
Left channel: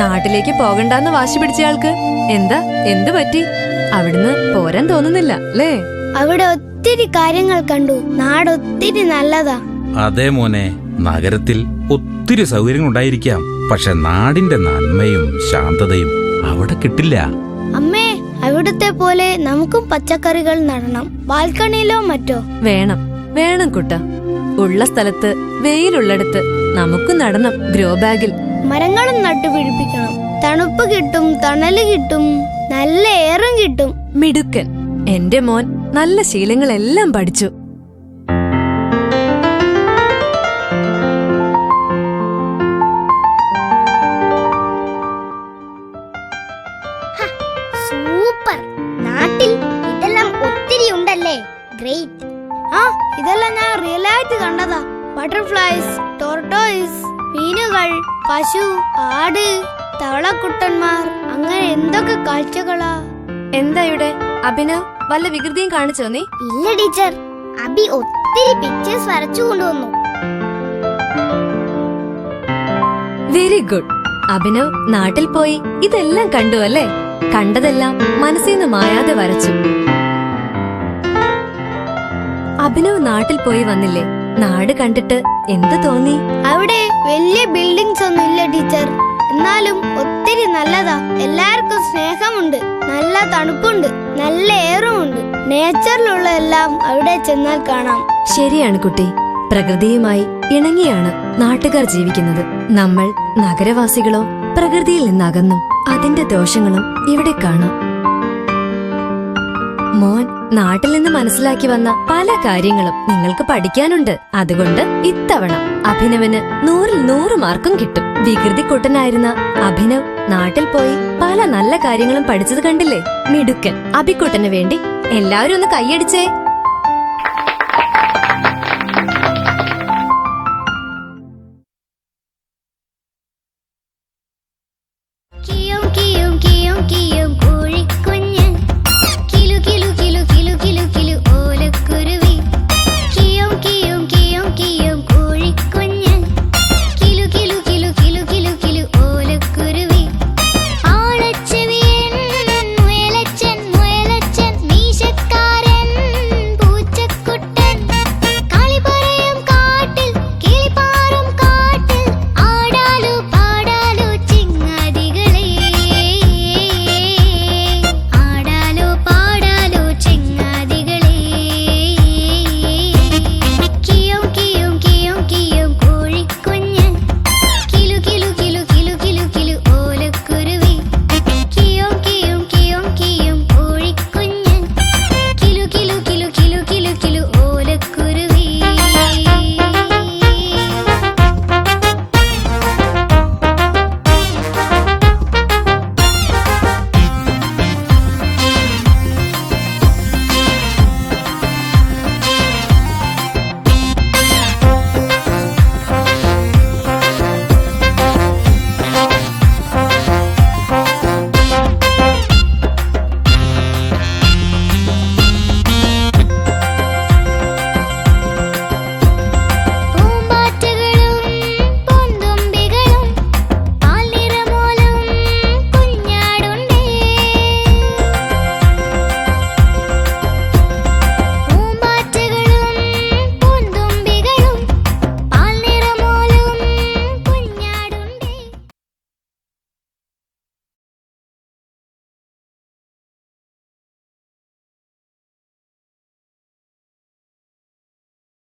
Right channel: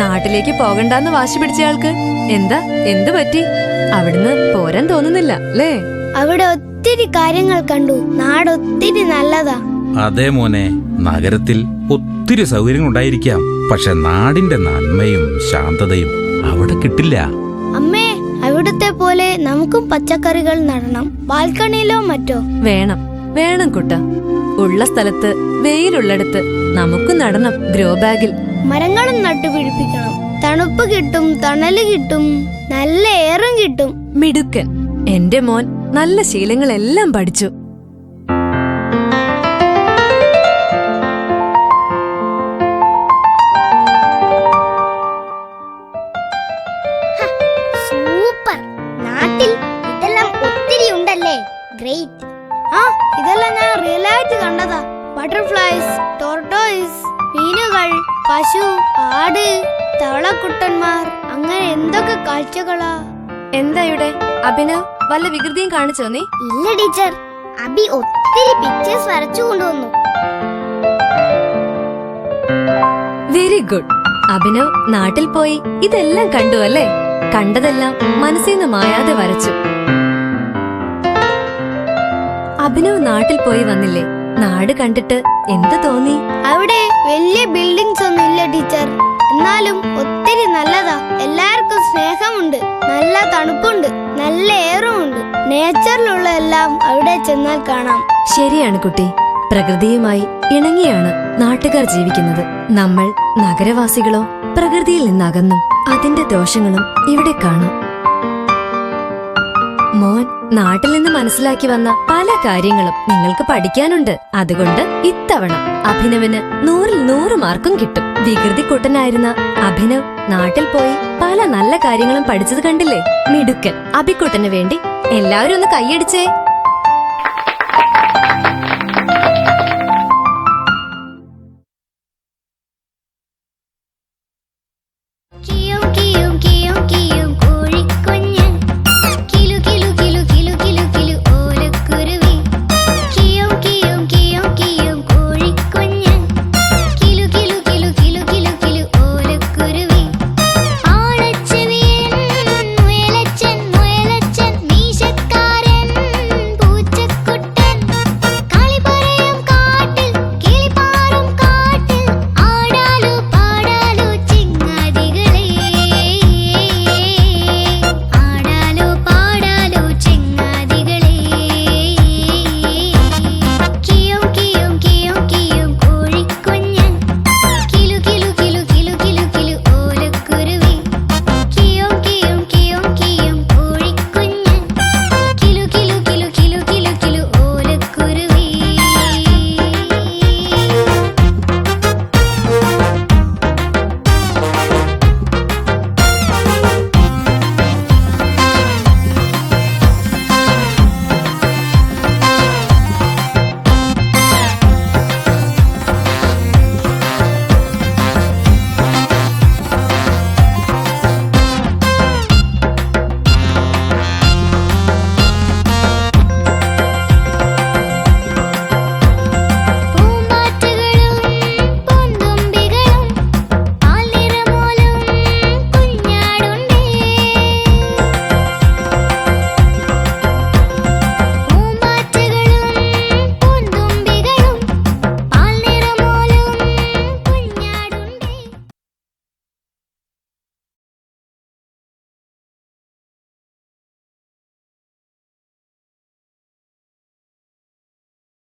നാട്ടിലേക്ക് പോകണ്ടെന്ന് വാശി പിടിച്ചയാൾക്ക് എന്ത് പറ്റി? അവിടുന്ന് പോരാൻ തോന്നുന്നില്ല അല്ലേ? അവിടെ ഒത്തിരി കാര്യങ്ങൾ കണ്ടു. നാടൊത്തിരി നല്ലതാ. അതെ മോനെ, നഗരത്തിൽ ഒത്തിരി സൗകര്യങ്ങൾ ഉണ്ടായിരിക്കാം, പക്ഷെ നാടിന്റെ നന്മയും ശാന്തതയും അവിടെ കിട്ടില്ല. അമ്മേ, അവിടുത്തെ പോലെ നമുക്കും പച്ചക്കറികൾ നടണം, ബാൽക്കണിയിലോ മറ്റോ. വേണം കുട്ട. ഉള്ള സ്ഥലത്ത്, വെയിലുള്ളിടത്ത് നമുക്ക് നടണം. ഗ്രോ ബാഗിൽ മരങ്ങളും നട്ടുപിടിപ്പിക്കണം. തണുപ്പ് കിട്ടും, തണല് കിട്ടും, നല്ല എയറും കിട്ടും. മിടുക്കൻ. എന്റെ മോൻ നല്ല ശീലങ്ങളെല്ലാം പഠിച്ചു. സൂപ്പർ. നാട്ടിൽ ഇതെല്ലാം ഒത്തിരി ഉണ്ടല്ലേ. ഗ്രേറ്റ്. ആ, ഇതെല്ലാം ഞാൻ റിയലായിട്ട് കണ്ടതാ. ബട്ടർഫ്ലൈസ്, ടോർട്ടോയിസ്, മീനുകൾ, പശു, ആട്, തവളക്കുട്ടന്മാർ, അങ്ങനെ എന്തൊക്കെ കാഴ്ചകളാ. എന്താ ഇവിടെ അഭിനവ് വല്ല വികൃതിയും കാണിച്ചോ നീ? ഇല്ല ടീച്ചർ, അബി ഒത്തിരി പിക്ചേഴ്സ് വരച്ചു കൊണ്ടുവന്നു. Very good. അഭിനവ് നാട്ടിൽ പോയി ഇതെല്ലാം കണ്ടു അല്ലേ? കണ്ടതെല്ലാം മനസ്സിൽ നിന്ന് മായാതെ വരച്ചു. അഭിനവ് നാട്ടിൽ പോയി വന്നില്ലേ? നാട് കണ്ടിട്ട് എന്ത് തോന്നി? അവിടെ വലിയ ബിൽഡിങ്സ് ഒന്നും ഇല്ല ടീച്ചർ. എന്നാലും ഒത്തിരി നല്ലതാ. എല്ലാവർക്കും സ്നേഹമുണ്ട്, നല്ല തണുപ്പുണ്ട്, നല്ല എയറും ഉണ്ട്. നേച്ചറിലുള്ള എല്ലാം അവിടെ ചെന്നാൽ കാണാം. ശരിയാണ് കുട്ടി. പ്രകൃതിയുമായി ഇണങ്ങിയാണ് നാട്ടുകാർ ജീവിക്കുന്നത്. നമ്മൾ നഗരവാസികളോ പ്രകൃതിയിൽ നിന്നകന്നും. അതിന്റെ ദോഷങ്ങളും ഇവിടെ കാണാം. മോൻ നാട്ടിൽ നിന്ന് മനസ്സിലാക്കി വന്ന പല കാര്യങ്ങളും നിങ്ങൾക്ക് പഠിക്കാനുണ്ട്. അതുകൊണ്ട് ഇത്തവണ അഭിനവിന് 100-ൽ 100 മാർക്കും കിട്ടും. വികൃതി കുട്ടനായിരുന്ന അഭിനവ് നാട്ടിൽ പോയി പല നല്ല കാര്യങ്ങളും പഠിച്ചത് കണ്ടില്ലേ? മിടുക്കൻ. അഭിക്കുട്ടന് വേണ്ടി എല്ലാവരും ഒന്ന് കൈയടിച്ചേ.